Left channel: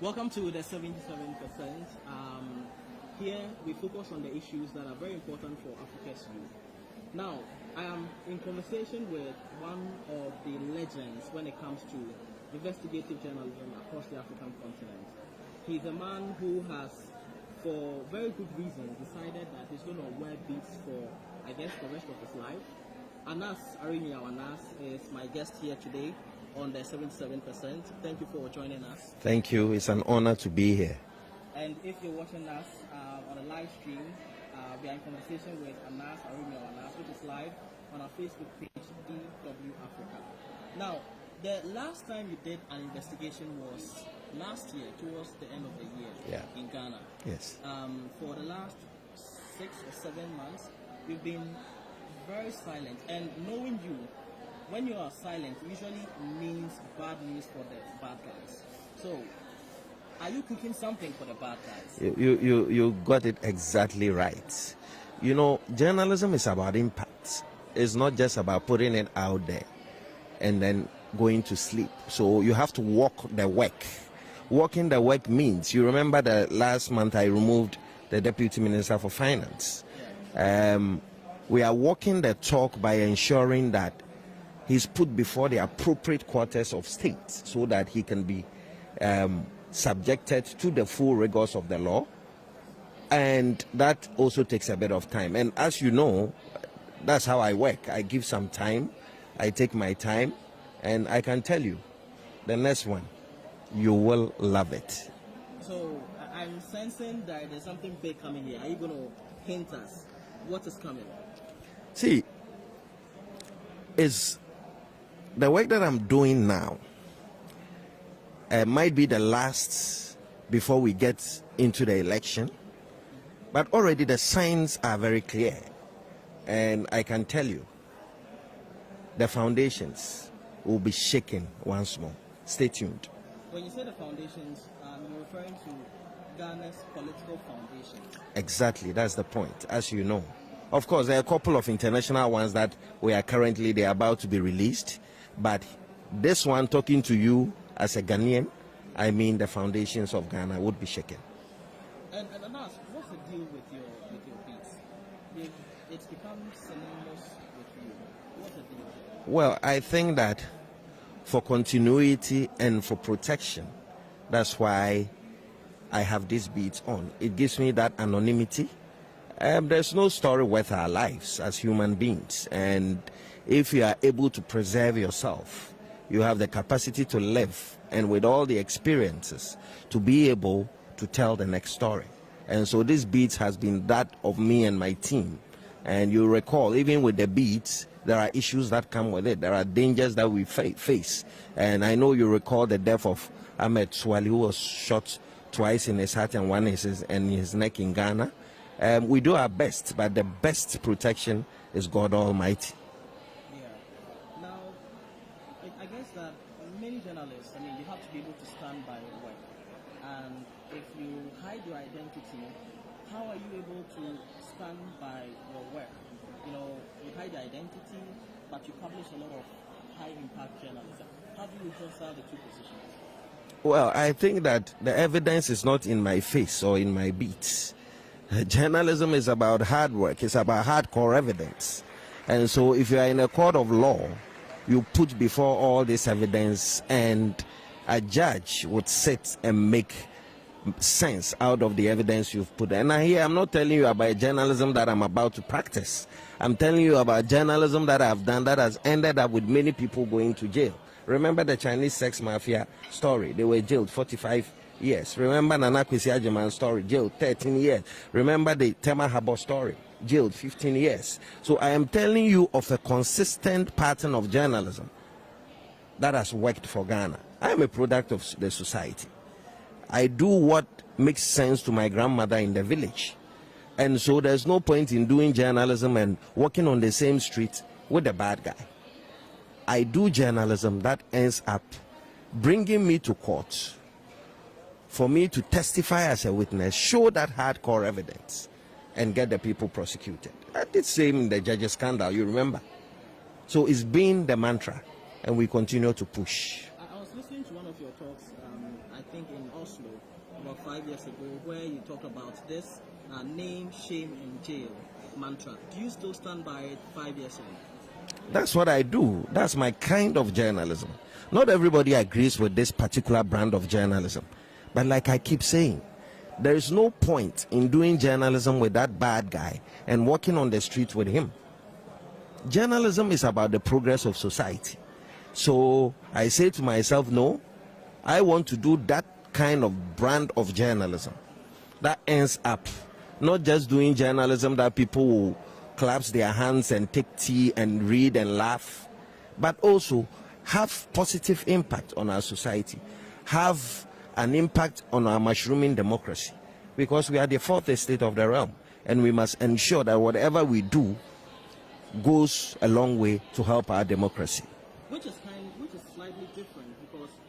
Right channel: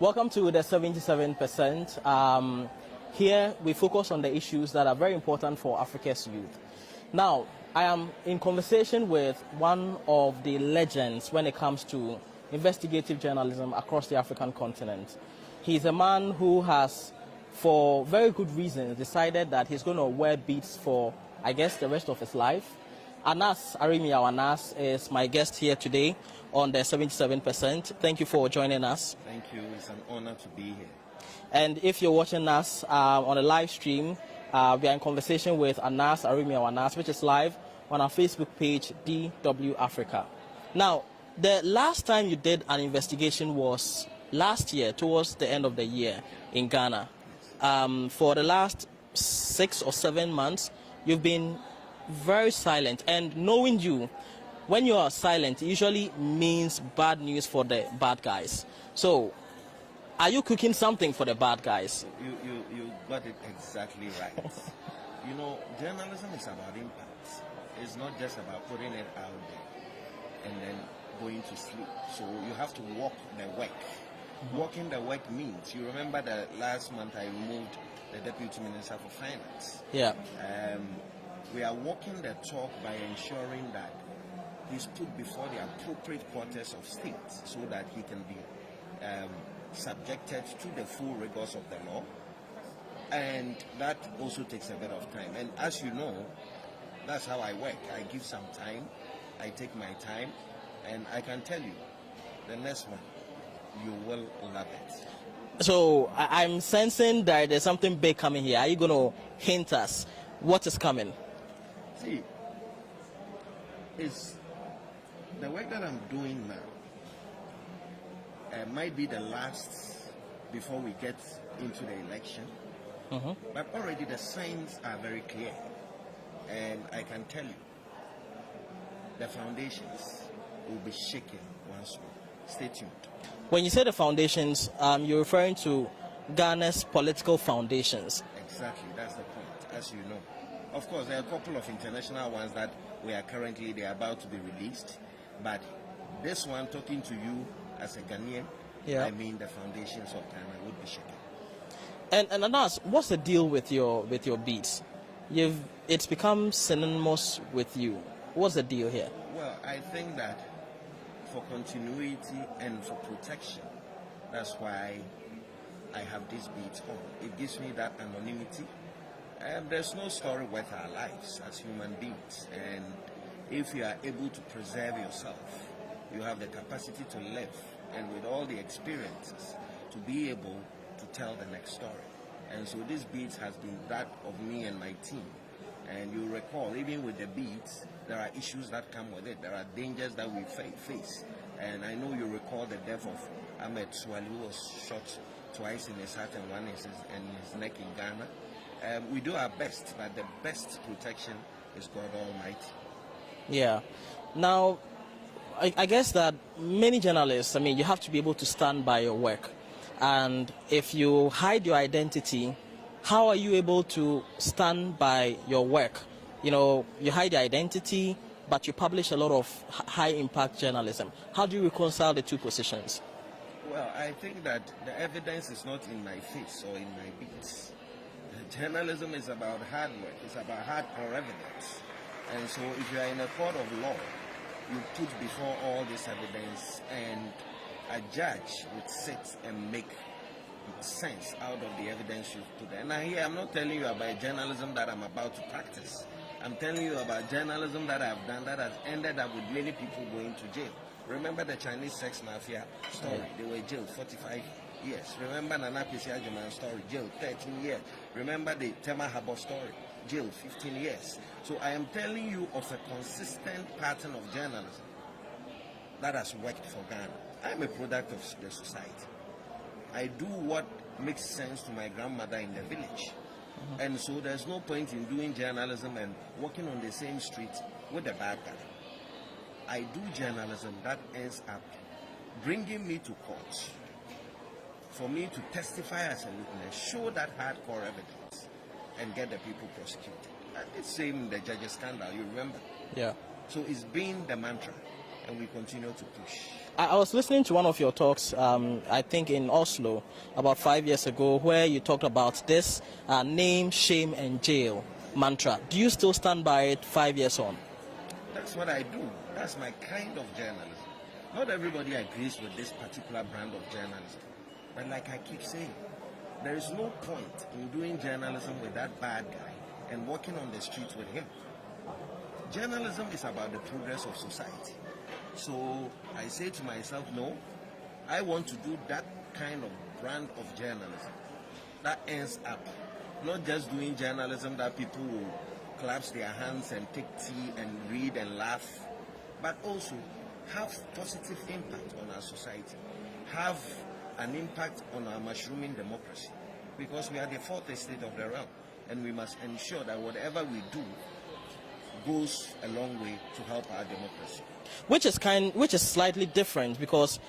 Welcome to the 77%. Here we focus on the issues that are very important for Africa's youth. Now, I am in conversation with one of the legends when it comes to investigative journalism across the African continent. He's a man who has, for very good reasons, decided that he's going to wear beads for, I guess, the rest of his life. Anas Aremeyaw Anas is my guest here today on the 77%. Thank you for joining us. Thank you. It's an honor to be here. And if you're watching us on a live stream, we are in conversation with Anas Aremeyaw Anas, which is live on our Facebook page, DW Africa. Now, the last time you did an investigation was last year, towards the end of the year, in Ghana. Yes. For the last 6 or 7 months, you've been very silent. And knowing you, when you are silent, it usually means bad news for the bad guys. So, are you cooking something for the bad guys? You got it exactly right. You know, journalism is about impact. It's not just about putting it out there and then going to sleep. So you have to walk the work. Walking the work means, you remember that last month I removed the Deputy Minister for Finance. Yeah. We are walking the talk by ensuring that he's put before the appropriate quarters of state so that he can be subjected to the full rigors of the law. And that also takes a bit of time. And as you know, that's how I work. I give some time, I take my time, and I can tell you, the next one, you will love it. So I'm sensing that there's something big coming here. Are you going to hint us what is coming? See, it's the work that I'm doing now might be the last before we get into the election. But already the signs are very clear. And I can tell you, the foundations will be shaken once more. Stay tuned. When you say the foundations, you're referring to Ghana's political foundations. Exactly, that's the point, as you know. Of course, there are a couple of international ones that they're about to be released. But this one, talking to you as a Ghanaian, I mean the foundations of Ghana would be shaken. And Anas, what's the deal with your beats? It's become synonymous with you. What's the deal here? Well, I think that for continuity and for protection, that's why I have these beats on. It gives me that anonymity. There's no story worth our lives as human beings. And if you are able to preserve yourself, you have the capacity to live, and with all the experiences, to be able to tell the next story. And so this beats has been that of me and my team. And you recall, even with the beats, there are issues that come with it. There are dangers that we face. And I know you recall the death of Ahmed Swali, who was shot twice in his heart and one in his neck in Ghana. We do our best, but the best protection is God Almighty. Yeah. Now, I guess that many journalists, you have to be able to stand by your work. And if you hide your identity, how are you able to stand by your work? You know, you hide your identity, but you publish a lot of high-impact journalism. How do you reconcile the two positions? Well, I think that the evidence is not in my face or in my beats. Journalism is about hard work. It's about hardcore evidence. And so if you are in a court of law, you put before all this evidence, and a judge would sit and make sense out of the evidence you've put. And I'm not telling you about journalism that I'm about to practice. I'm telling you about journalism that I've done that has ended up with many people going to jail. Remember the Chinese sex mafia story? They were jailed 45 years. Remember Nana Kwesi Agyemang's story? Jailed 13 years. Remember the Tema Habo story? Jailed 15 years. So I am telling you of a consistent pattern of journalism that has worked for Ghana. I am a product of the society. I do what makes sense to my grandmother in the village. And so there's no point in doing journalism and walking on the same street with the bad guy. I do journalism that ends up bringing me to court for me to testify as a witness, show that hardcore evidence, and get the people prosecuted. I did same in the judges scandal, you remember? Yeah. So it's been the mantra. and we continue to push. I was listening to one of your talks, I think in Oslo, about 5 years ago, where you talked about this name, shame, and jail mantra. Do you still stand by it 5 years on? That's what I do. That's my kind of journalism. Not everybody agrees with this particular brand of journalism. But like I keep saying, there is no point in doing journalism with that bad guy and walking on the street with him. Journalism is about the progress of society. So I say to myself, no, I want to do that kind of brand of journalism that ends up not just doing journalism that people will clap their hands and take tea and read and laugh, but also have positive impact on our society, have an impact on our mushrooming democracy, because we are the fourth estate of the realm, and we must ensure that whatever we do goes a long way to help our democracy. Which is slightly different, because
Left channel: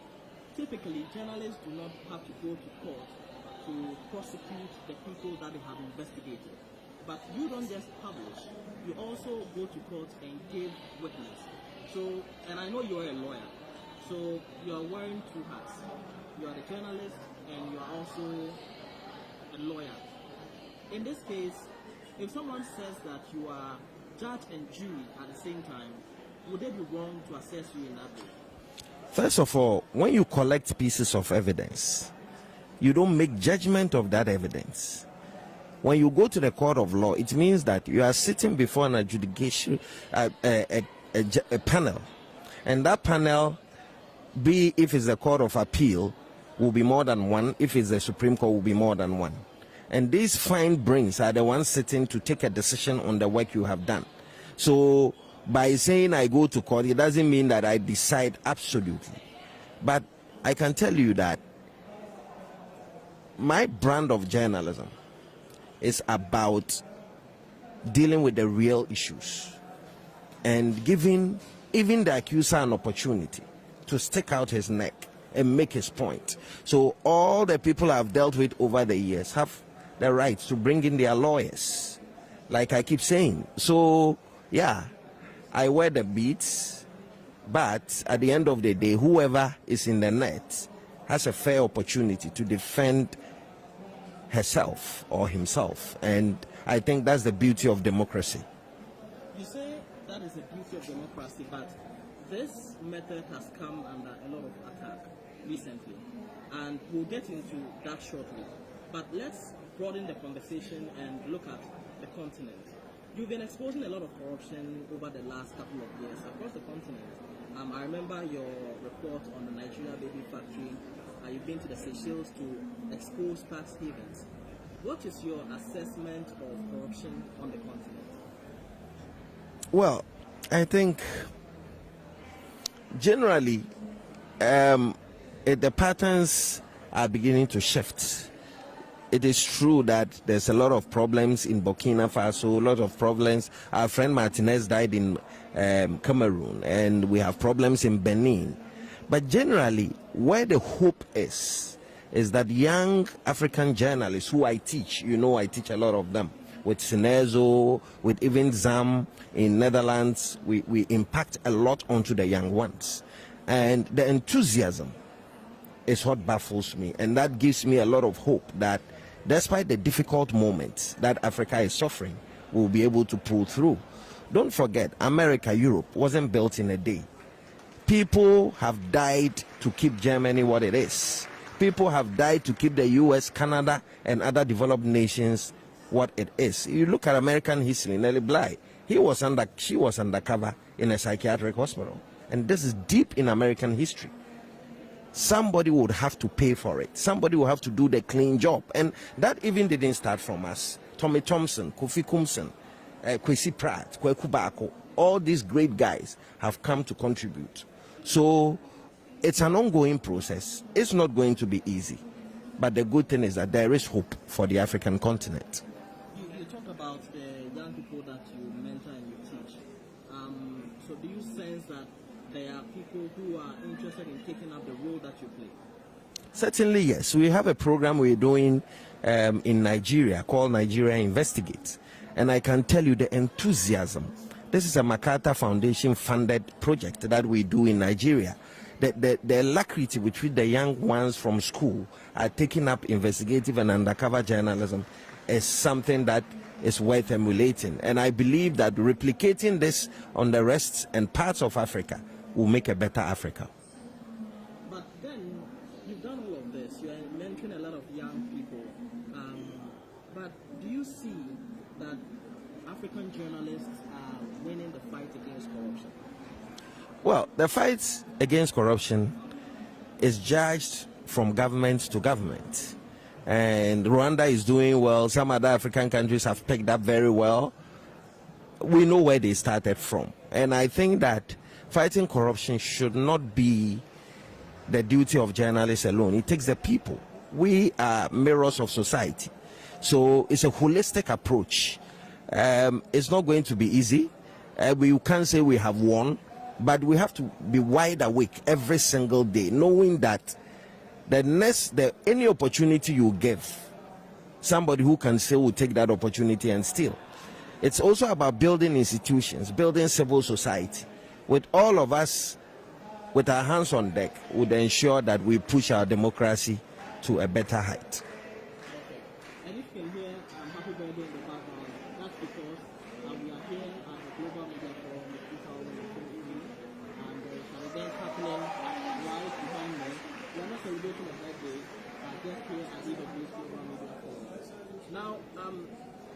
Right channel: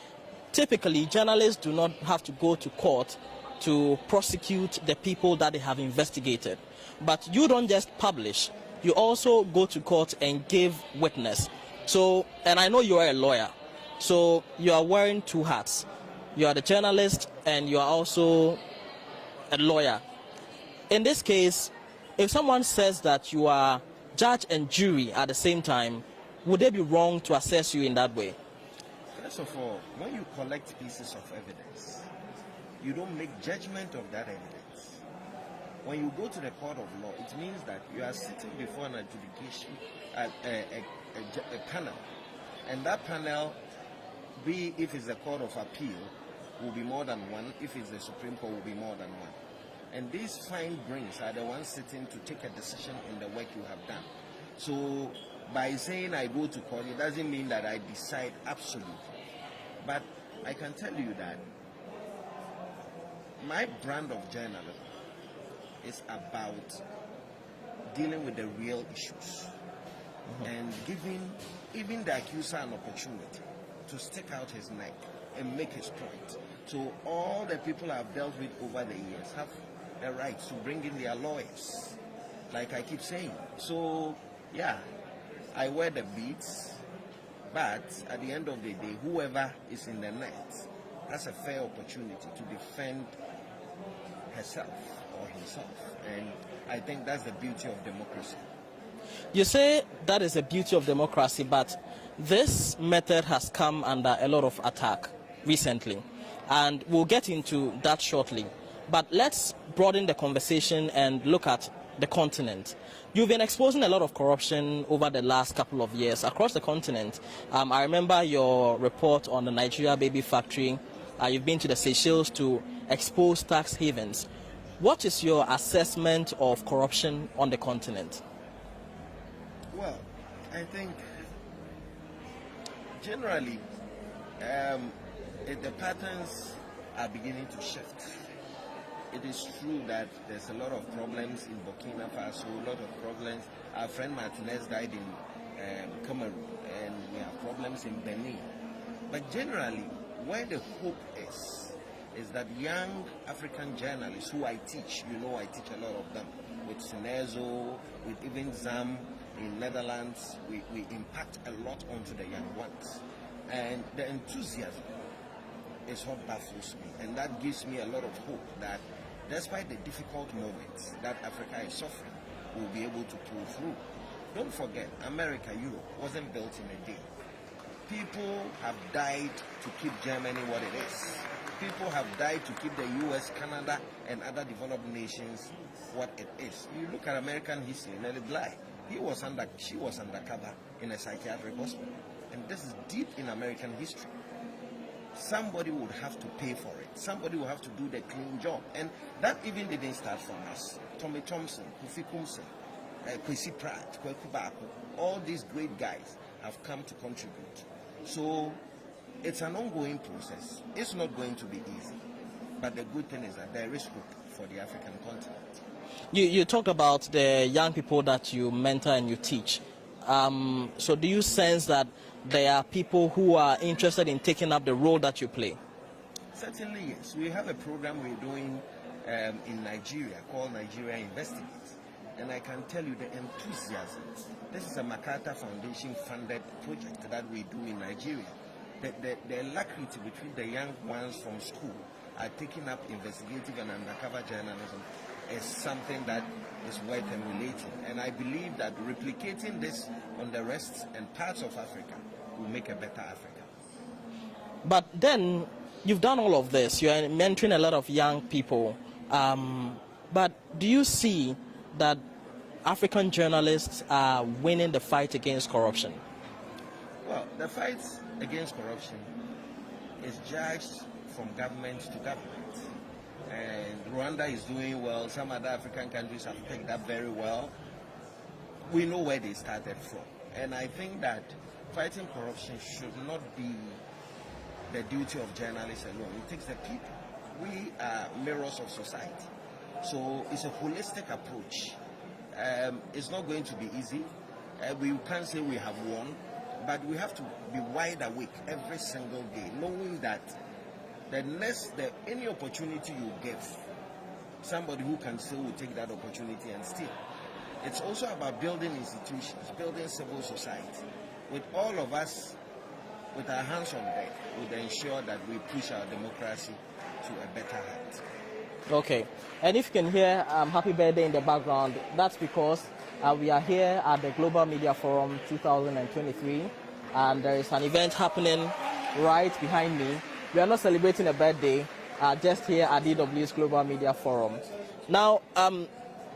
typically journalists do not have to go to court to prosecute the people that they have investigated. But you don't just publish, you also go to court and give witness. So, and I know you are a lawyer, so you are wearing two hats. You are the journalist and you are also a lawyer. In this case, if someone says that you are judge and jury at the same time, would they be wrong to assess you in that way? First of all, when you collect pieces of evidence, you don't make judgment of that evidence. When you go to the court of law, it means that you are sitting before an adjudication, a panel, and that panel, be if it's the court of appeal, will be more than one. If it's the Supreme Court, will be more than one. And these fine brains are the ones sitting to take a decision on the work you have done. So by saying I go to court, it doesn't mean that I decide absolutely. But I can tell you that my brand of journalism is about dealing with the real issues and giving even the accuser an opportunity to stick out his neck and make his point. So all the people I've dealt with over the years have the right to bring in their lawyers, like I keep saying. So yeah, I wear the beads, but at the end of the day, whoever is in the net has a fair opportunity to defend herself or himself, and I think that's the beauty of democracy. You say that is the beauty of democracy, but this method has come under a lot of attack recently, and we'll get into that shortly. But let's broaden the conversation and look at the continent. You've been exposing a lot of corruption over the last couple of years across the continent. I remember your report on the Nigeria baby factory. You've been to the Seychelles to expose tax havens. What is your assessment of corruption on the continent? Well, I think generally the patterns are beginning to shift. It is true that there's a lot of problems in Burkina Faso, a lot of problems. Our friend Martinez died in Cameroon, and we have problems in Benin. But generally, where the hope is that young African journalists who I teach, you know I teach a lot of them, with Sinezo, with even Zam in Netherlands, we impact a lot onto the young ones. And the enthusiasm is what baffles me, and that gives me a lot of hope that despite the difficult moments that Africa is suffering, we'll be able to pull through. Don't forget, America, Europe wasn't built in a day. People have died to keep Germany what it is. People have died to keep the US, Canada, and other developed nations what it is. You look at American history, Nellie Bly, she was undercover in a psychiatric hospital. And this is deep in American history. Somebody would have to pay for it. Somebody will have to do the clean job. And that even didn't start from us. Tommy Thompson, Kofi Kumsen, Kwesi Pratt, Kweku Bako, all these great guys have come to contribute. So it's an ongoing process. It's not going to be easy. But the good thing is that there is hope for the African continent. You talked about the young people that you mentor and you teach. So do you sense that there are people who are interested in taking up the role that you play? Certainly, yes. We have a program we're doing in Nigeria called Nigeria Investigates. And I can tell you the enthusiasm This is a MacArthur Foundation funded project that we do in Nigeria. The alacrity with which the young ones from school are taking up investigative and undercover journalism is something that is worth emulating. And I believe that replicating this on the rest and parts of Africa will make a better Africa. But then, you've done all of this. You're mentoring a lot of young people. But do you see that African journalists are winning the fight against corruption? Well, the fight against corruption is judged from government to government. And Rwanda is doing well. Some other African countries have picked up very well. We know where they started from. And I think that fighting corruption should not be the duty of journalists alone. It takes the people. We are mirrors of society. So it's a holistic approach. It's not going to be easy. We can't say we have won, but we have to be wide awake every single day, knowing that any opportunity you give, somebody who can steal will take that opportunity and steal. It's also about building institutions, building civil society. With all of us, with our hands on deck, would ensure that we push our democracy to a better height. Okay. And if you can hear Happy Birthday in the background, that's because we are here at the Global Media Forum 2023, and there is an event happening right behind me. We are not celebrating a birthday, just here at DW's Global Media Forum. Now,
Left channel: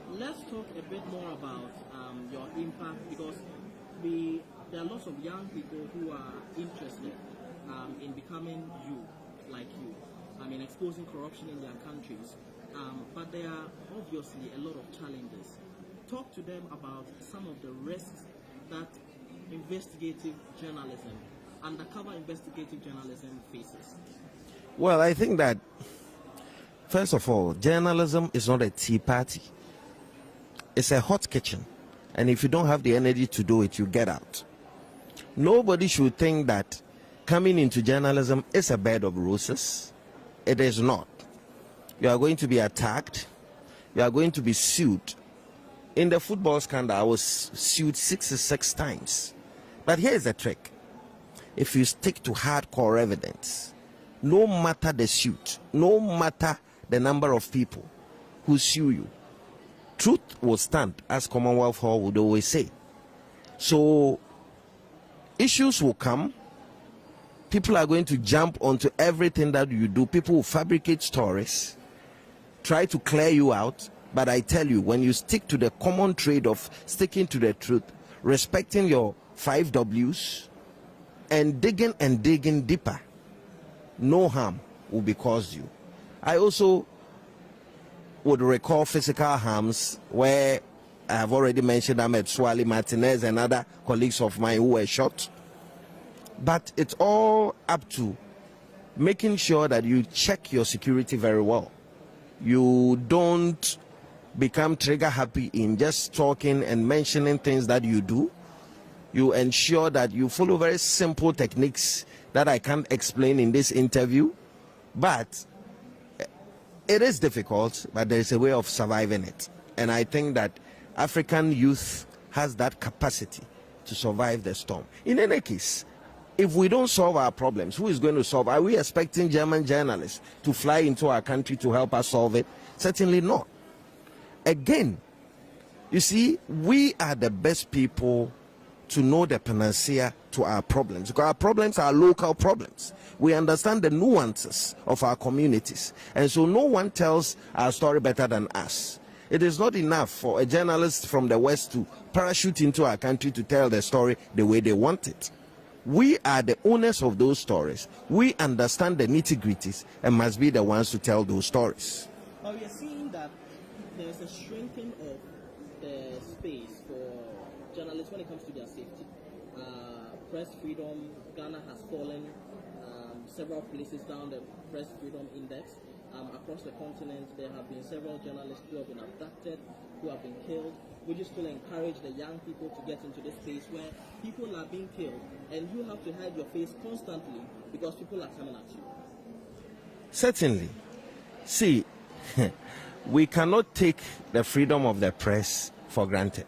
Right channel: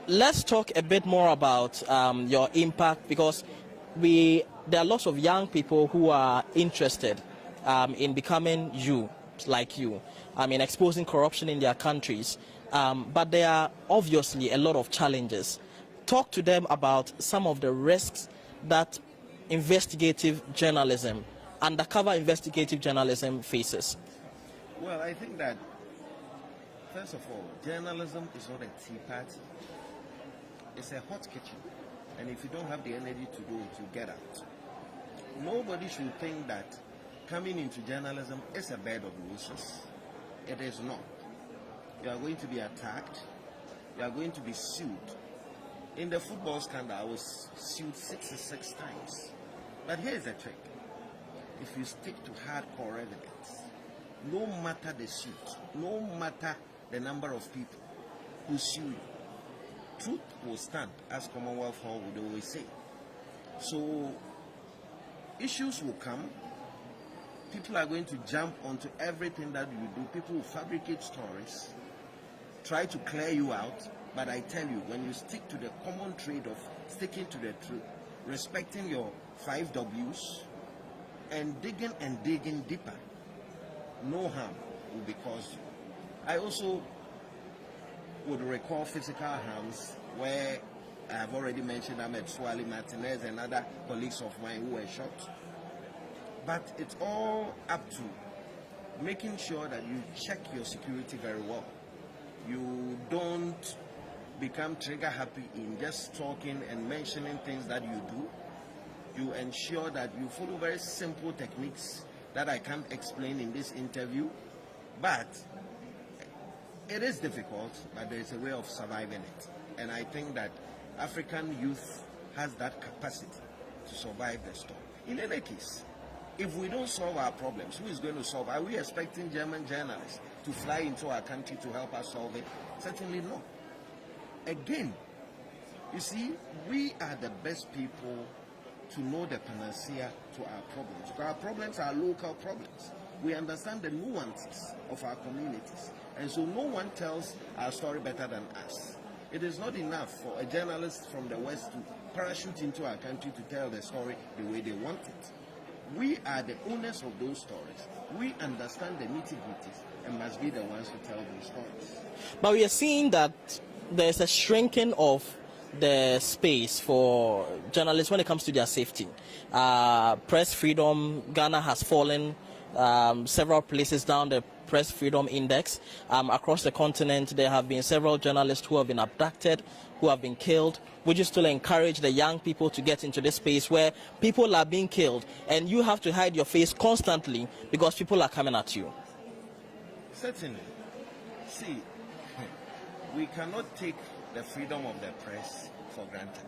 let's talk a bit more about your impact, because there are lots of young people who are interested in becoming like you, in exposing corruption in their countries. But there are obviously a lot of challenges. Talk to them about some of the risks that investigative journalism, undercover investigative journalism faces. Well, I think that, first of all, journalism is not a tea party. It's a hot kitchen. And if you don't have the energy to do it, you get out. Nobody should think that coming into journalism is a bed of roses. It is not. You are going to be attacked. You are going to be sued. In the football scandal, I was sued 66 times. But here's the trick. If you stick to hardcore evidence, no matter the suit, no matter the number of people who sue you, truth will stand, as Commonwealth Hall would always say. So issues will come. People are going to jump onto everything that you do. People will fabricate stories, try to clear you out. But I tell you, when you stick to the common trade of sticking to the truth, respecting your 5 W's, and digging deeper, no harm will be caused you. I also would recall physical harms where I have already mentioned Ahmed Swali, Martinez, and other colleagues of mine who were shot. But it's all up to making sure that you check your security very well. You don't become trigger happy in just talking and mentioning things that you do. You ensure that you follow very simple techniques that I can't explain in this interview. But it is difficult, but there is a way of surviving it. And I think that African youth has that capacity to survive the storm. In any case, if we don't solve our problems, who is going to solve? Are we expecting German journalists to fly into our country to help us solve it? Certainly not. Again, you see, we are the best people to know the panacea to our problems, because our problems are local problems. We understand the nuances of our communities, and so no one tells our story better than us. It is not enough for a journalist from the West to parachute into our country to tell the story the way they want it. We are the owners of those stories. We understand the nitty-gritties and must be the ones to tell those stories. But we are seeing that there's a shrinking of the space for journalists when it comes to their safety. Press freedom, Ghana has fallen several places down the press freedom index. Across the continent, there have been several journalists who have been abducted, who have been killed. Would you still encourage the young people to get into this space where people are being killed and you have to hide your face constantly because people are coming at you? Certainly. See, we cannot take the freedom of the press for granted.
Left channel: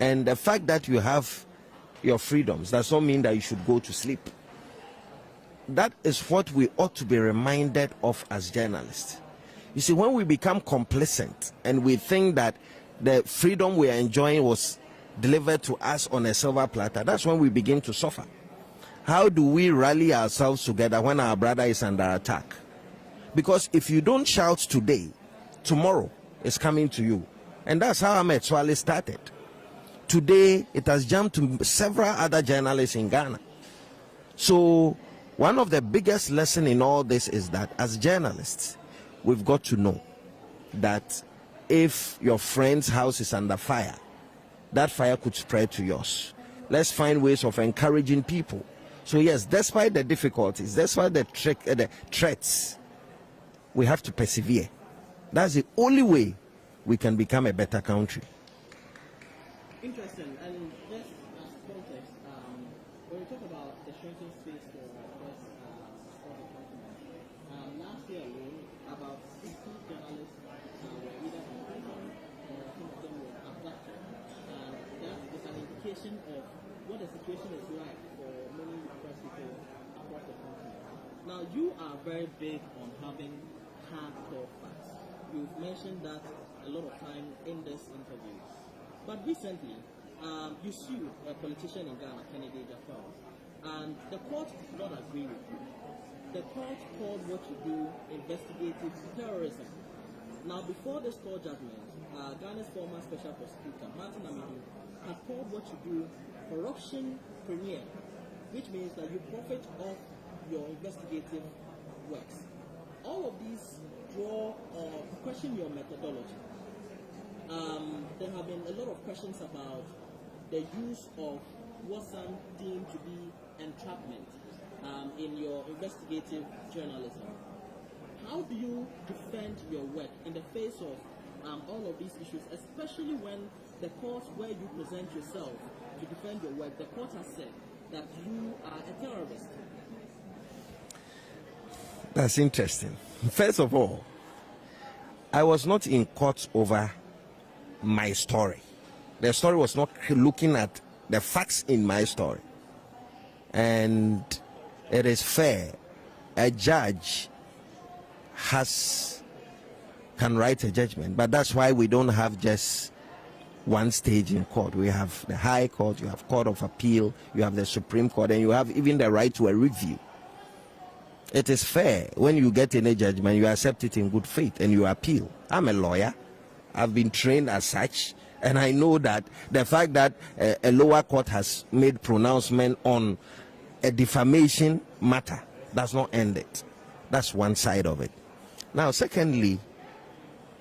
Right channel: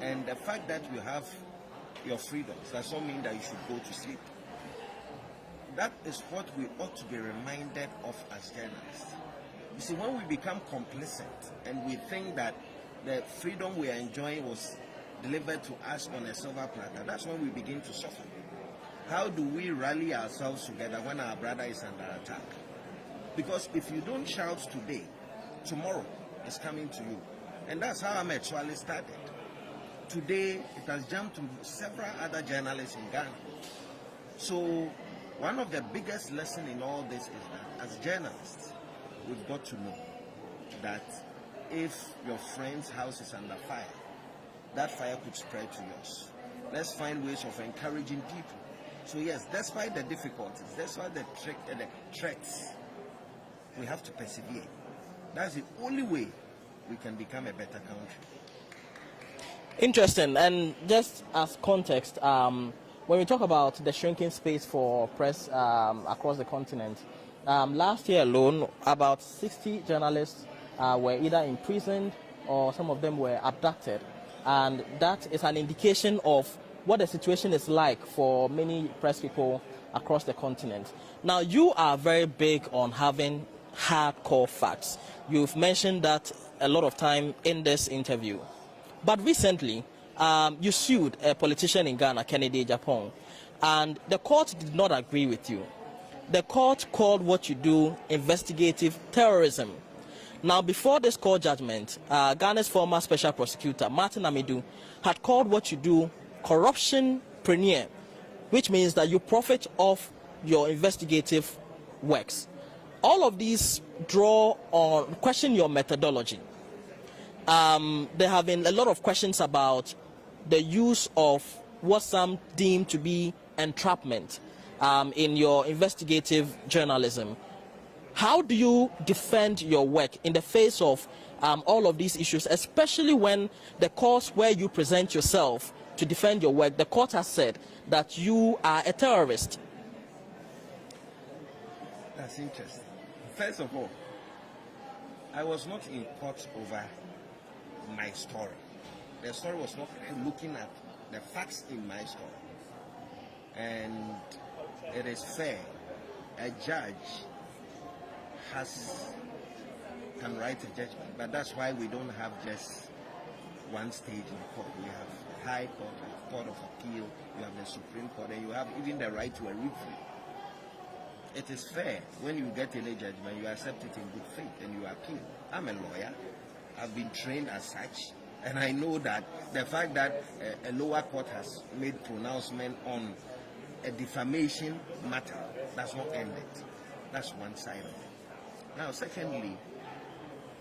And the fact that you have your freedoms does not mean that you should go to sleep. That is what we ought to be reminded of as journalists. You see, when we become complacent and we think that the freedom we are enjoying was delivered to us on a silver platter, that's when we begin to suffer. How do we rally ourselves together when our brother is under attack? Because if you don't shout today, tomorrow is coming to you. And that's how Ahmed Swale started. Today, it has jumped to several other journalists in Ghana. So, one of the biggest lessons in all this is that as journalists, we've got to know that if your friend's house is under fire, that fire could spread to yours. Let's find ways of encouraging people. So yes, despite the difficulties, despite the threats, we have to persevere. That's the only way we can become a better country. Interesting. And just as context, when we talk about the shrinking space for press across the continent, last year alone, about 60 journalists were either imprisoned or some of them were abducted. And that is an indication of what the situation is like for many press people across the continent. Now, you are very big on having hardcore facts. You've mentioned that a lot of time in this interview. But recently, you sued a politician in Ghana, Kennedy Japan, and the court did not agree with you. The court called what you do investigative terrorism. Now, before this court judgment, Ghana's former special prosecutor, Martin Amidu, had called what you do corruption-preneur, which means that you profit off your investigative works. All of these question your methodology. There have been a lot of questions about the use of what some deem to be entrapment in your investigative journalism. How do you defend your work in the face of all of these issues, especially when the course where you present yourself to defend your work, the court has said that you are a terrorist? That's interesting. First of all, I was not in court over my story. The story was not looking at the facts in my story. And it is fair. A judge can write a judgment, but that's why we don't have just one stage in court. We have the High Court, you have Court of Appeal, you have the Supreme Court, and you have even the right to a review. It is fair when you get any judgment, you accept it in good faith and you appeal. I'm a lawyer. I've been trained as such, and I know that the fact that a lower court has made pronouncement on a defamation matter does not end it. That's one side of it. Now, secondly,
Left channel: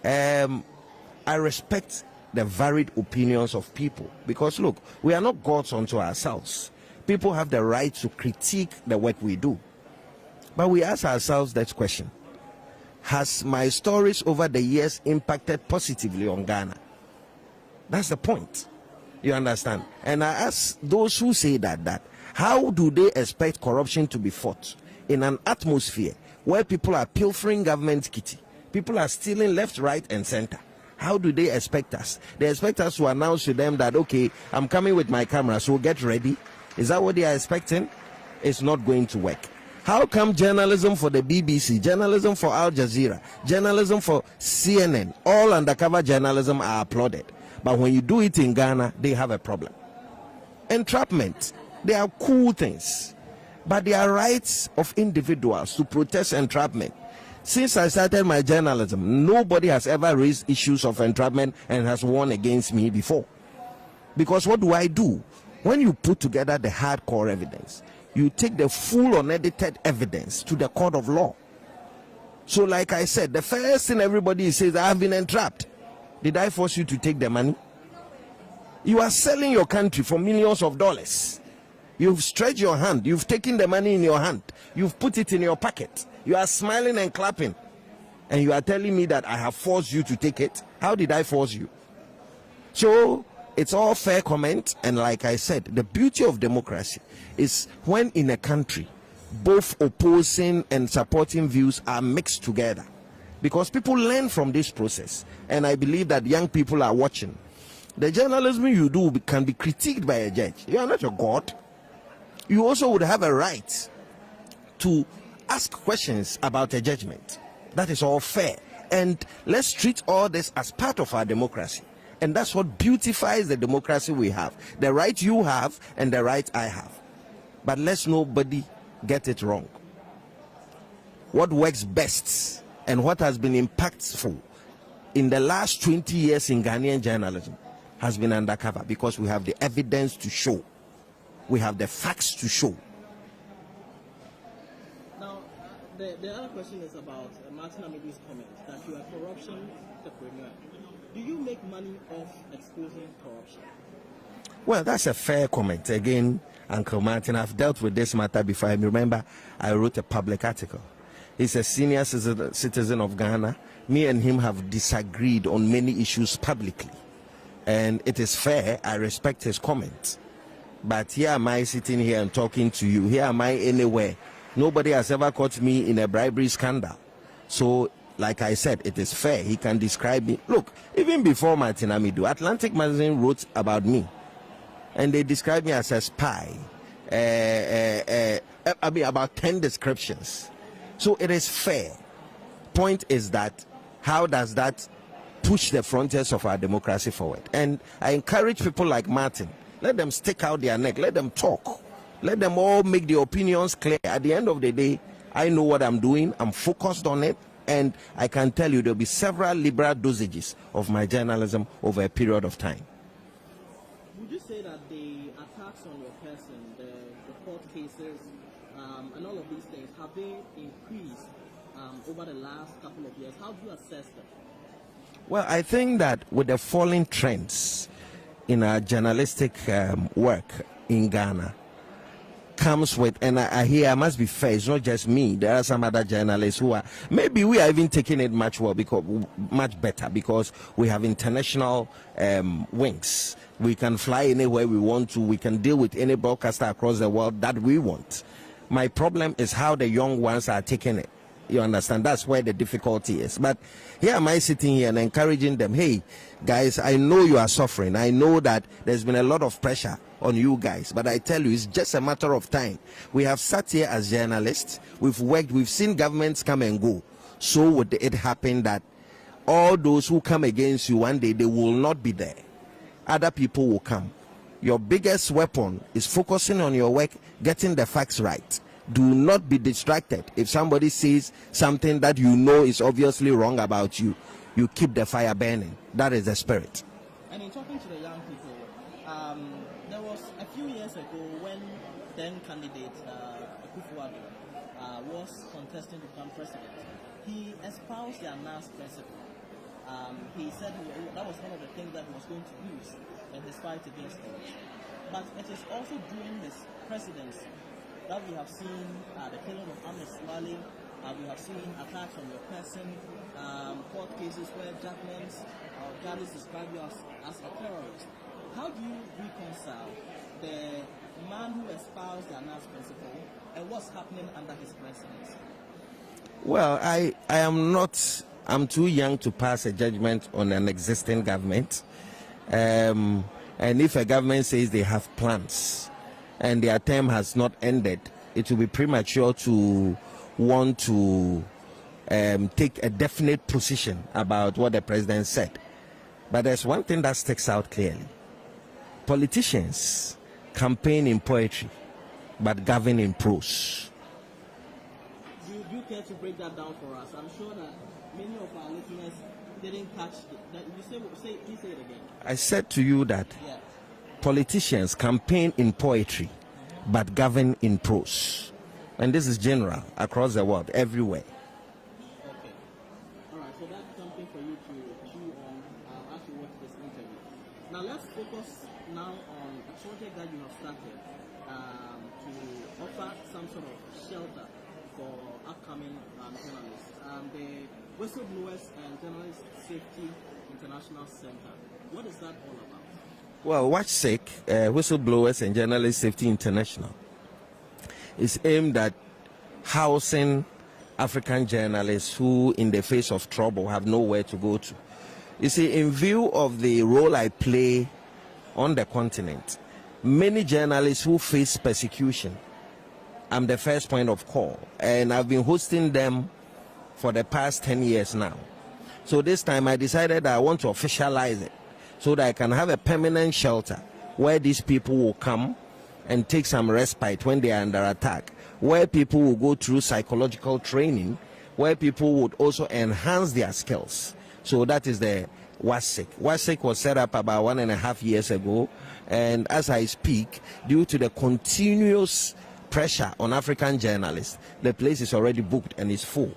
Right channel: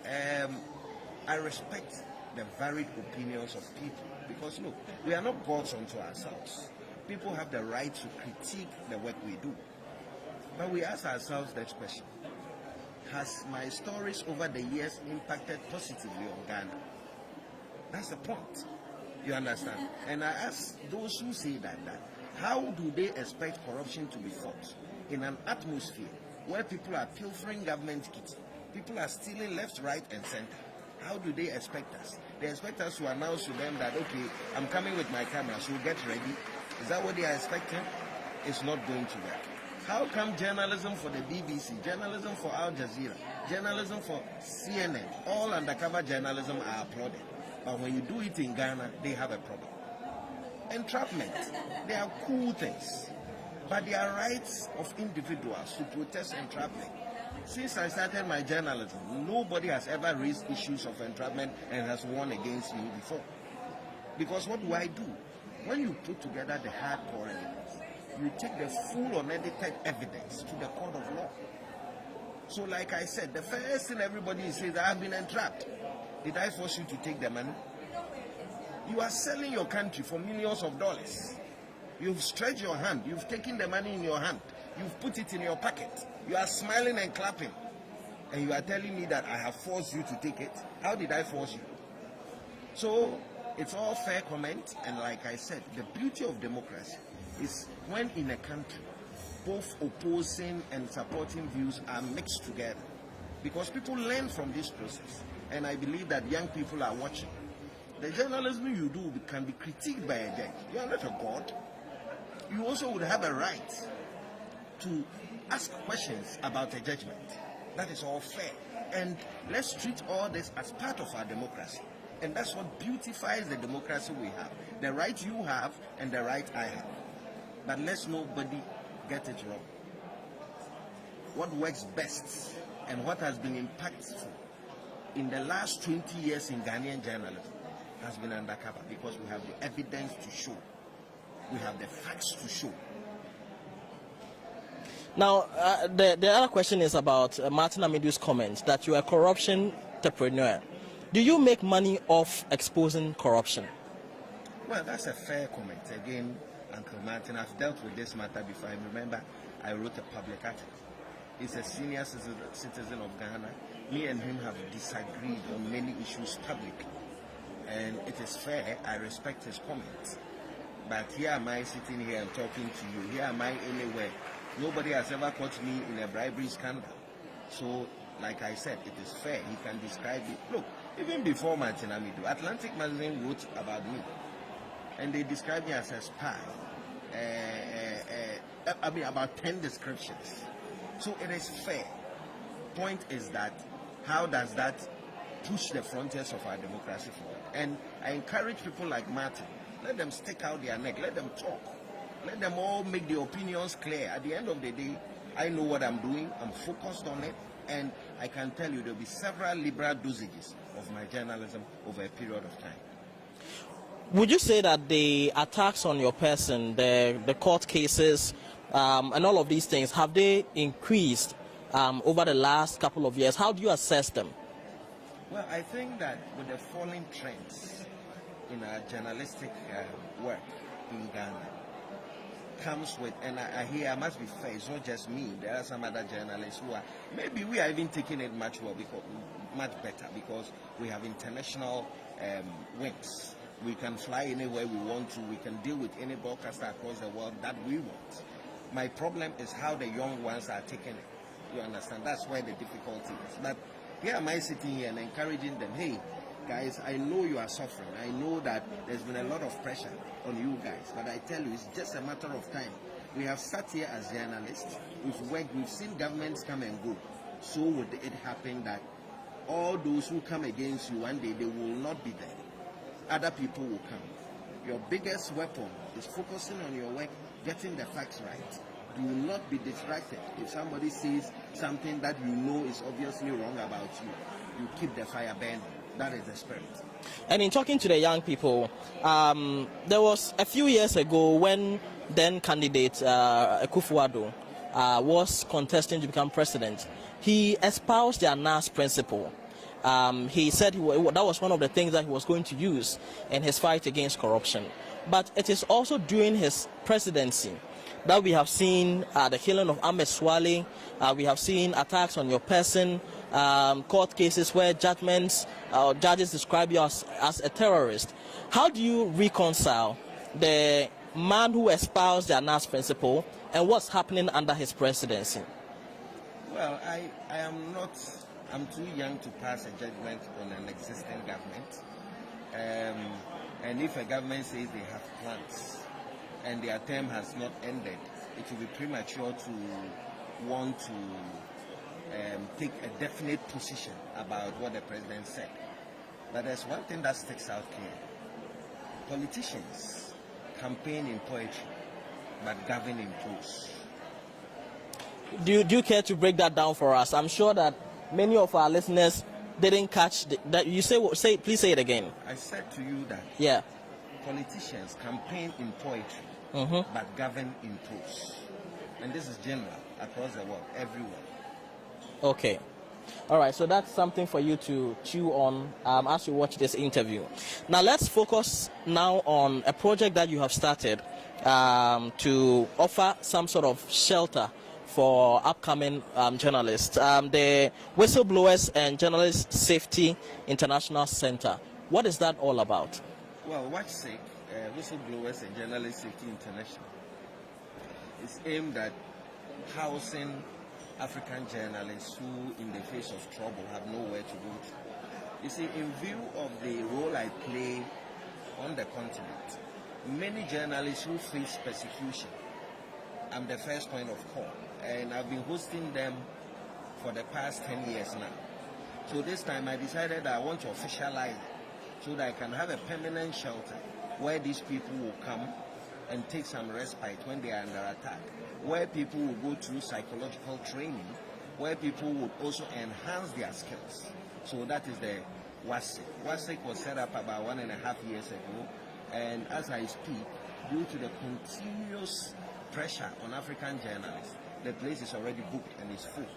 I respect the varied opinions of people, because look, we are not gods unto ourselves. People have the right to critique the work we do. But we ask ourselves that question: has my stories over the years impacted positively on Ghana? That's the point. You understand? And I ask those who say that how do they expect corruption to be fought in an atmosphere where people are pilfering government kitty, people are stealing left, right, and center? How do they expect us? They expect us to announce to them that, okay, I'm coming with my camera, so get ready. Is that what they are expecting? It's not going to work. How come journalism for the BBC, journalism for Al Jazeera, journalism for CNN, all undercover journalism are applauded, but when you do it in Ghana, they have a problem? Entrapment, they are cool things, but they are rights of individuals to protest entrapment. Since I started my journalism, nobody has ever raised issues of entrapment and has won against me before. Because what do? When you put together the hardcore evidence, you take the full unedited evidence to the court of law. So like I said, the first thing everybody says, I have been entrapped. Did I force you to take the money? You are selling your country for millions of dollars. You've stretched your hand. You've taken the money in your hand. You've put it in your pocket. You are smiling and clapping. And you are telling me that I have forced you to take it? How did I force you? So it's all fair comment. And like I said, the beauty of democracy is when in a country, both opposing and supporting views are mixed together. Because people learn from this process. And I believe that young people are watching. The journalism you do can be critiqued by a judge. You are not a god. You also would have a right to ask questions about a judgment. That is all fair. And let's treat all this as part of our democracy. And that's what beautifies the democracy we have. The right you have and the right I have. But let's nobody get it wrong. What works best and what has been impactful in the last 20 years in Ghanaian journalism has been undercover, because we have the evidence to show. We have the facts to show. Now, the other question is about Martin Amidou's comment that you are a corruption entrepreneur. Do you make money off exposing corruption? Well, that's a fair comment. Again, Uncle Martin, I've dealt with this matter before. I remember I wrote a public article. He's a senior citizen of Ghana. Me and him have disagreed on many issues publicly. And it is fair. I respect his comment. But here am I sitting here and talking to you. Here am I anywhere. Nobody has ever caught me in a bribery scandal. So, like I said, it is fair. He can describe me. Look, even before Martin Amidou, Atlantic Magazine wrote about me. And they described me as a spy. I mean, about 10 descriptions. So it is fair. Point is that, how does that push the frontiers of our democracy forward? And I encourage people like Martin, let them stick out their neck, let them talk, let them all make their opinions clear. At the end of the day, I know what I'm doing, I'm focused on it, and I can tell you there'll be several liberal dosages of my journalism over a period of time. Would you say that the attacks on your person, the court cases, and all of these things, have they increased over the last couple of years? How do you assess them? Well, I think that with the falling trends in our journalistic work in Ghana comes with, and I must be fair, it's not just me. There are some other journalists who are, maybe we are even taking it much better because we have international wings. We can fly anywhere we want to. We can deal with any broadcaster across the world that we want. My problem is how the young ones are taking it. You understand? That's where the difficulty is. But here am I sitting here and encouraging them, hey, guys, I know you are suffering. I know that there's been a lot of pressure on you guys. But I tell you, it's just a matter of time. We have sat here as journalists. We've worked. We've seen governments come and go. So would it happen that all those who come against you one day, they will not be there. Other people will come. Your biggest weapon is focusing on your work, getting the facts right. Do not be distracted. If somebody says something that you know is obviously wrong about you, you keep the fire burning. That is the spirit. And in talking to the young people, there was a few years ago when then candidate Akufo-Addo was contesting to become president. He espoused the Anas principle. He said that was one of the things that he was going to use in his fight against corruption. But it is also during his presidency that we have seen the killing of Ahmed Swale, we have seen attacks on your person, court cases where judges describe you as a terrorist. How do you reconcile the man who espoused the Anas principle and what's happening under his presidency? Well, I'm too young to pass a judgment on an existing government. And if a government says they have plans and their term has not ended, it will be premature to want to take a definite position about what the president said. But there's one thing that sticks out clearly. Politicians campaign in poetry, but govern in prose. Do you care to break that down for us? I'm sure that many of our listeners didn't catch that. You please say it again. I said to you that politicians campaign in poetry, but govern in prose. And this is general across the world, everywhere. Okay. All right, so that's something for you to chew on as you watch this interview. Now let's focus now on a project that you have started to offer some sort of shelter for upcoming journalists, the Whistleblowers and Journalist Safety International Center. What is that all about? Well, WAJSIC, Whistleblowers and Journalist Safety International, is aimed at housing African journalists who, in the face of trouble, have nowhere to go to. You see, in view of the role I play on the continent, many journalists who face persecution, I'm the first point of call, and I've been hosting them for the past 10 years now. So this time I decided that I want to officialize it so that I can have a permanent shelter where these people will come and take some respite when they are under attack, where people will go through psychological training, where people would also enhance their skills. So that is the WASIC. WASIC was set up about 1.5 years ago, and as I speak, due to the continuous pressure on African journalists, the place is already booked and is full.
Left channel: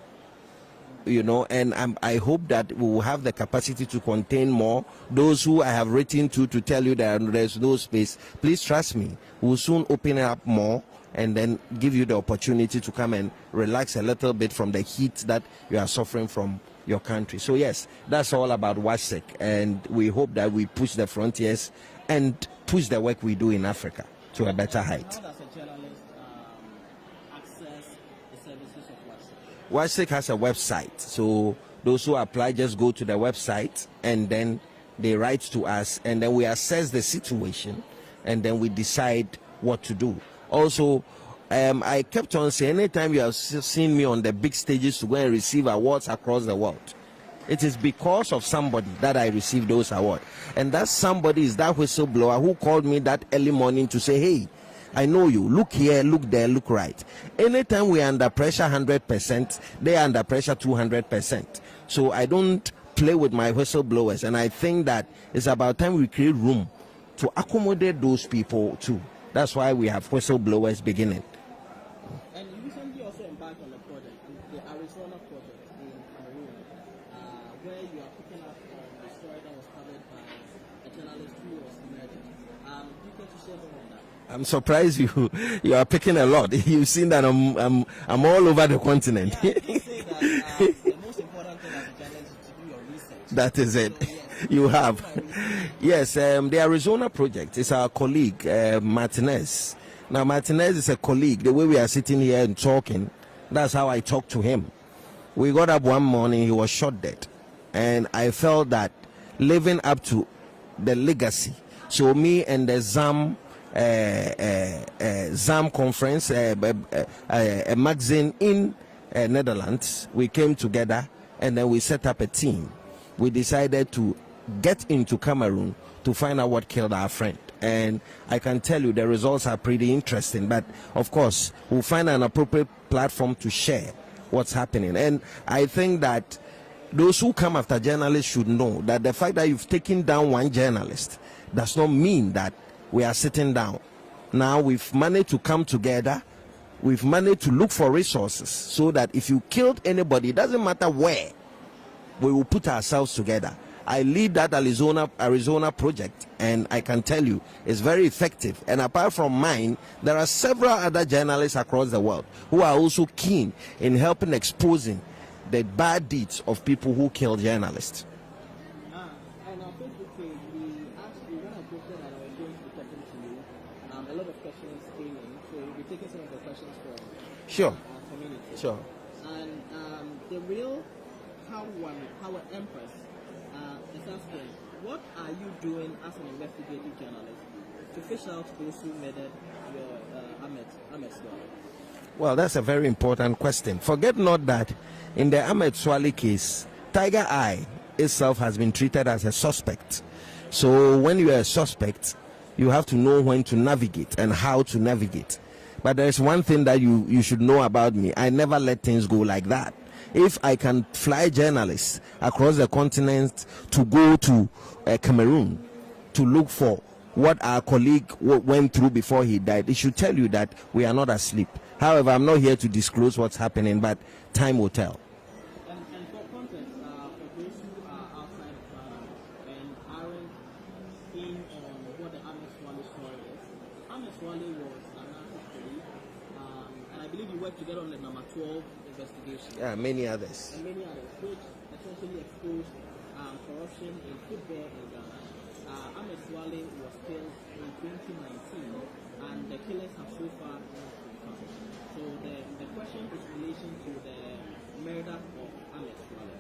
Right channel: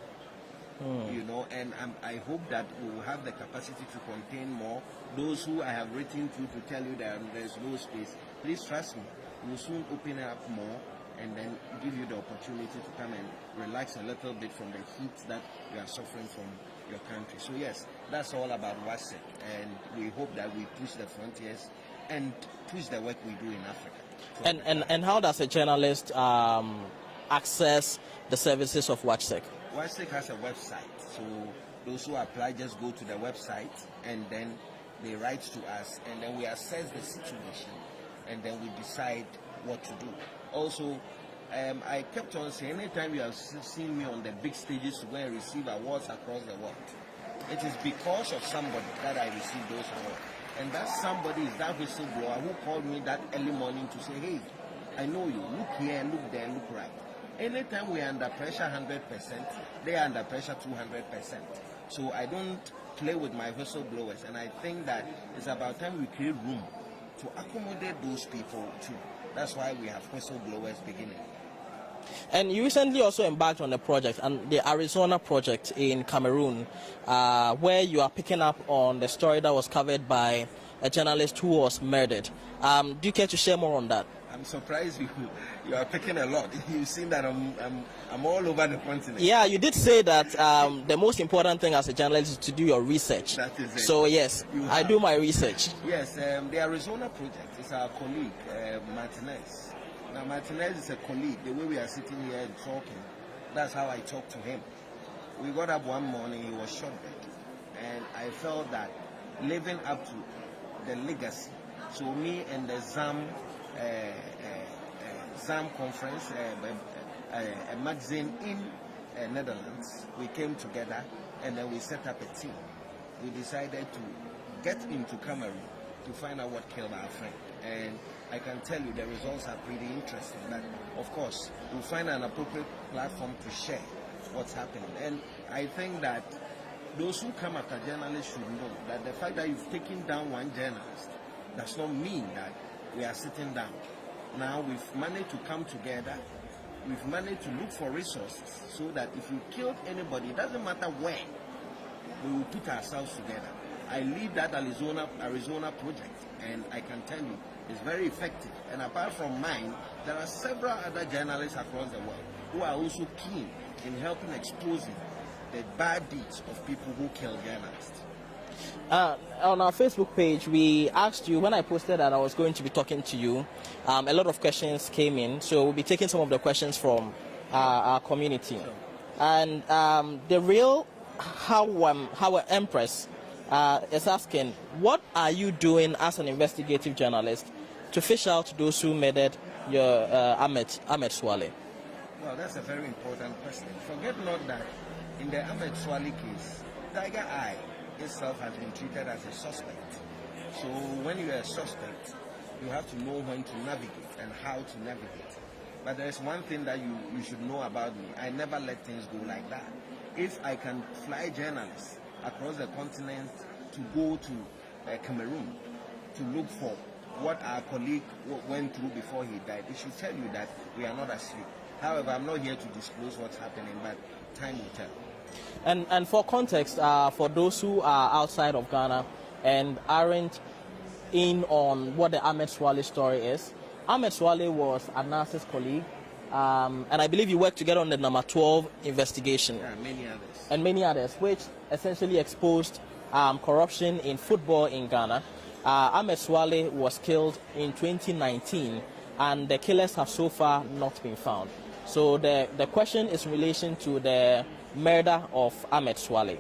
You know, and I hope that we will have the capacity to contain more. Those who I have written to tell you that there's no space, please trust me, we'll soon open it up more and then give you the opportunity to come and relax a little bit from the heat that you are suffering from your country. So yes, that's all about WASIC, and we hope that we push the frontiers and push the work we do in Africa to a better height. And how does a journalist access the services of WASIC? WASIC has a website, so those who apply just go to the website and then they write to us, and then we assess the situation and then we decide what to do. Also, I kept on saying, anytime you have seen me on the big stages to go and receive awards across the world, it is because of somebody that I received those awards. And that somebody is that whistleblower who called me that early morning to say, hey, I know you, look here, look there, look right. Anytime we are under pressure 100%, they are under pressure 200%. So I don't play with my whistleblowers, and I think that it's about time we create room to accommodate those people too. That's why we have whistleblowers beginning. And you recently also embarked on a project, and the Arizona project in Cameroon, where you are picking up on the story that was covered by a journalist who was murdered. Do you care to share more on that? I'm surprised you are picking a lot. You've seen that I'm all over the continent. Yeah, you did say that the most important thing as a journalist is to do your research. That is it. So yes, I do my research. Yes, the Arizona project is our colleague Martinez. Now Martinez is a colleague. The way we are sitting here and talking, that's how I talked to him. We got up one morning, he was shot dead, and I felt that living up to the legacy. So me and the ZAM conference, a magazine in Netherlands, we came together and then we set up a team. We decided to get into Cameroon to find out what killed our friend. And I can tell you the results are pretty interesting, but of course we'll find an appropriate platform to share what's happening. And I think that those who come after journalists should know that the fact that you've taken down one journalist does not mean that we are sitting down. Now we've managed to come together, we've managed to look for resources so that if you killed anybody, it doesn't matter where, we will put ourselves together. I lead that Arizona project, and I can tell you it's very effective. And apart from mine, there are several other journalists across the world who are also keen in helping exposing the bad deeds of people who kill journalists. On our Facebook page, we asked you, when I posted that I was going to be talking to you, a lot of questions came in, so we'll be taking some of the questions from our community. Sure. And the real Howard Empress is asking, what are you doing as an investigative journalist to fish out those who murdered your Ahmed Swale? Well, that's a very important question. Forget not that in the Ahmed Swale case, Tiger Eye itself has been treated as a suspect. So when you are a suspect, you have to know when to navigate and how to navigate. But there's one thing that you should know about me. I never let things go like that. If I can fly journalists across the continent to go to Cameroon to look for what our colleague went through before he died, it should tell you that we are not asleep. However, I'm not here to disclose what's happening, but time will tell. And for context, for those who are outside of Ghana and aren't in on what the Ahmed Swale story is, Ahmed Swale was Anas's colleague, and I believe you worked together on the number 12 investigation. Yeah, many others. And many others, which essentially exposed corruption in football in Ghana. Ahmed Swale was killed in 2019, and the killers have so far not been found. So the question is in relation to the murder of Ahmed Swale.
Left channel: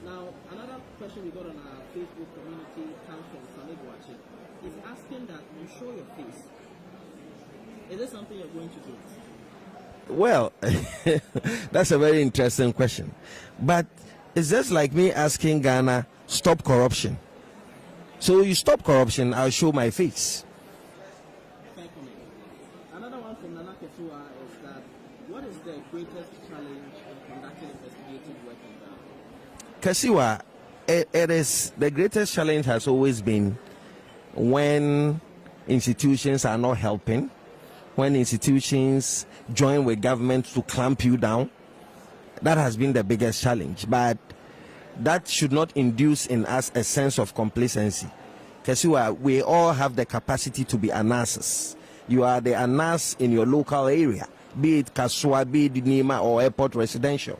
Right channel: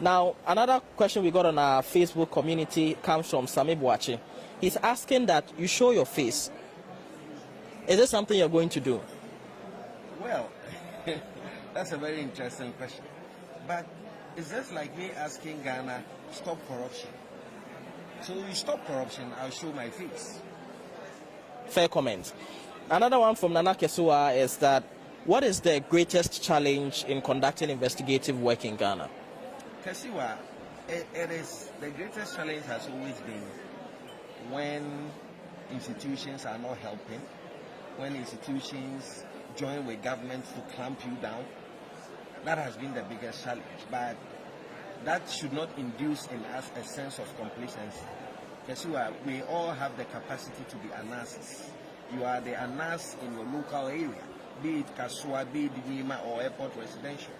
Now, another question we got on our Facebook community comes from Sami Boache. He's asking that you show your face. Is this something you're going to do? Well, that's a very interesting question. But it's just like me asking Ghana, stop corruption. So you stop corruption, I'll show my face. Fair comment. Another one from Nana Kesua is that, what is the greatest challenge in conducting investigative work in Ghana? Kasiwa, it is the greatest challenge has always been when institutions are not helping, when institutions join with government to clamp you down. That has been the biggest challenge, but that should not induce in us a sense of complacency. Kasiwa, we all have the capacity to be Anases. You are the Anas in your local area, be it Kasua, be it Nima or Airport Residential.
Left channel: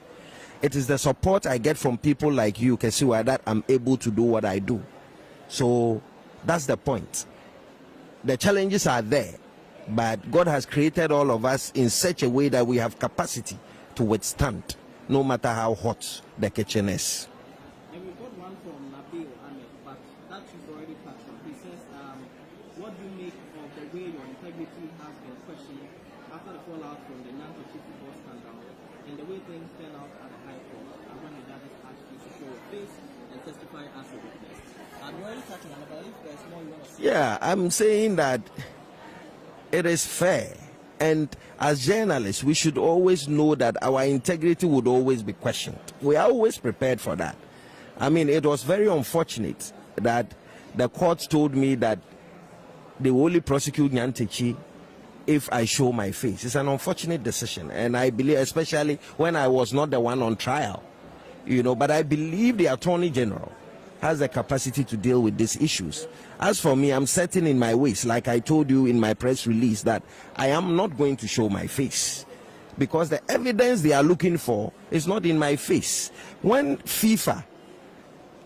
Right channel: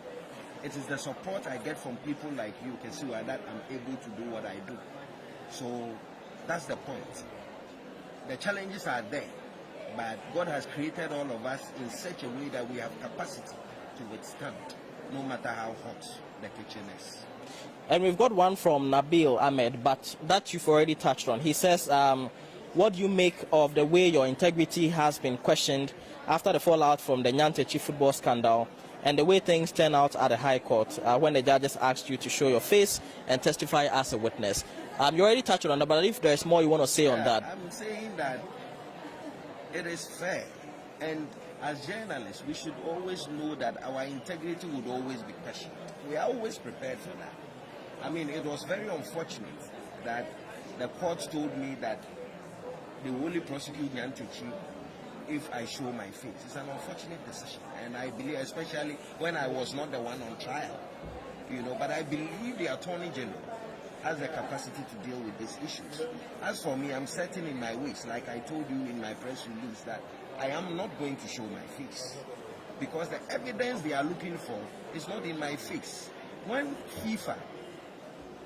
It is the support I get from people like you, Kasiwa, that I'm able to do what I do. So that's the point. The challenges are there, but God has created all of us in such a way that we have capacity to withstand, no matter how hot the kitchen is. And we've got one from Nabil Ahmed, but that you've already touched on. He says, what do you make of the way your integrity has been questioned after the fallout from the Nyantechi football scandal, and the way things turn out at the High Court when the judges asked you to show your face and testify as a witness? You already touched on that, but if there's more you want to say on that. I'm saying that it is fair, and as journalists, we should always know that our integrity would always be questioned. We are always prepared for that. I mean, it was very unfortunate that the court told me that they will only prosecute Nyantechi if I show my face. It's an unfortunate decision, and I believe, especially when I was not the one on trial, but I believe the Attorney General has the capacity to deal with these issues. As for me, I'm certain in my ways, like I told you in my press release, that I am not going to show my face, because the evidence they are looking for is not in my face. When FIFA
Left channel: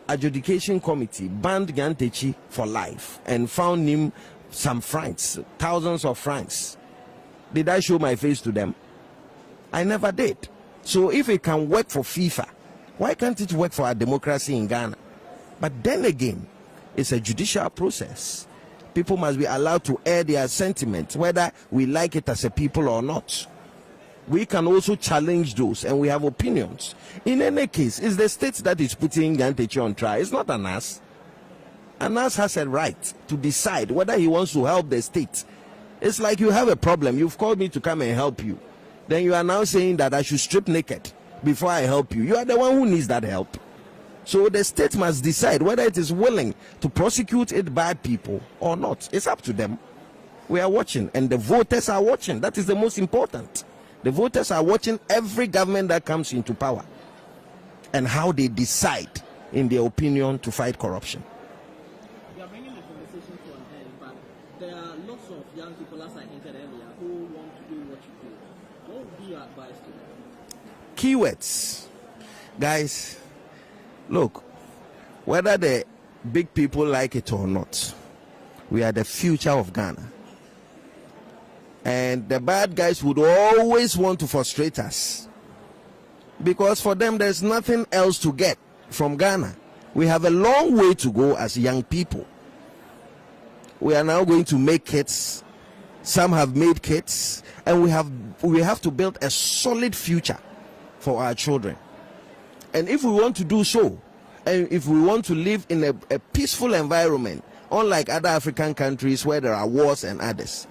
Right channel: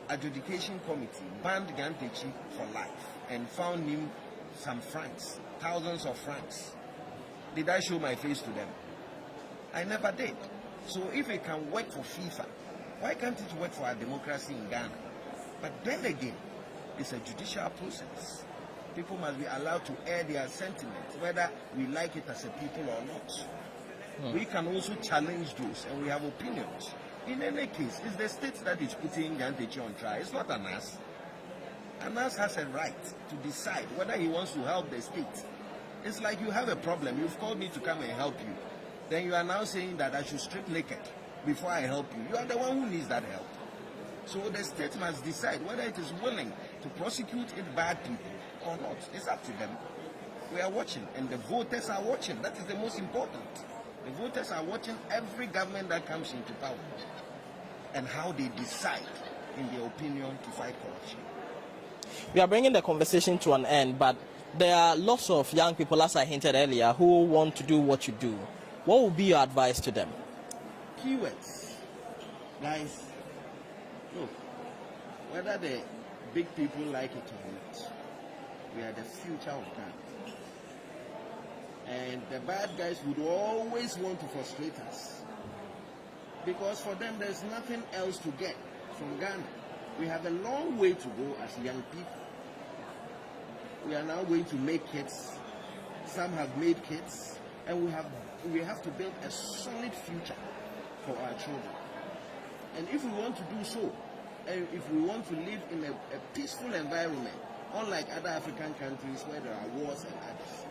adjudication committee banned Nyantechi for life and found him some francs, thousands of francs, did I show my face to them? I never did. So if it can work for FIFA, why can't it work for our democracy in Ghana? But then again, it's a judicial process. People must be allowed to air their sentiments, whether we like it as a people or not. We can also challenge those, and we have opinions. In any case, it's the state that is putting Nyantechi on trial. It's not Anas. Anas has a right to decide whether he wants to help the state. It's like you have a problem. You've called me to come and help you. Then you are now saying that I should strip naked before I help you. You are the one who needs that help. So the state must decide whether it is willing to prosecute its bad people or not. It's up to them. We are watching, and the voters are watching. That is the most important. The voters are watching every government that comes into power and how they decide, in their opinion, to fight corruption. We are bringing the conversation to an end, but there are lots of young people, as I hinted earlier, who want to do what you do. What would be your advice to them? Keywords. Guys, look, whether the big people like it or not, we are the future of Ghana. And the bad guys would always want to frustrate us, because for them there's nothing else to get from Ghana. We have a long way to go as young people. We are now going to make kids. Some have made kids, and we have to build a solid future for our children. And if we want to do so, and if we want to live in a peaceful environment, unlike other African countries where there are wars and others,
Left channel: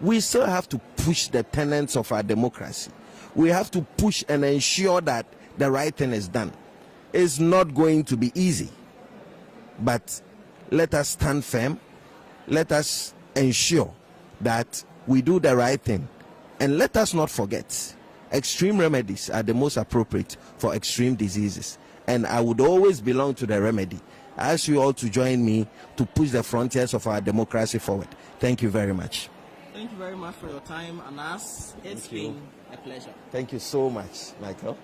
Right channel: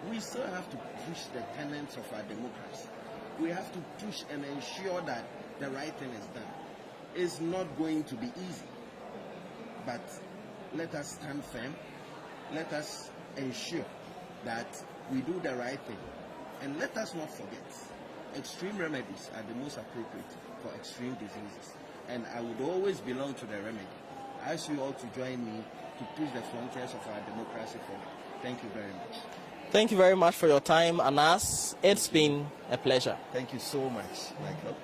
we still have to push the tenets of our democracy. We have to push and ensure that the right thing is done. It's not going to be easy, but let us stand firm. Let us ensure that we do the right thing, and let us not forget, extreme remedies are the most appropriate for extreme diseases, and I would always belong to the remedy. I ask you all to join me to push the frontiers of our democracy forward. Thank you very much. Thank you very much for your time, Anas. It's been a pleasure. Thank you so much, Michael.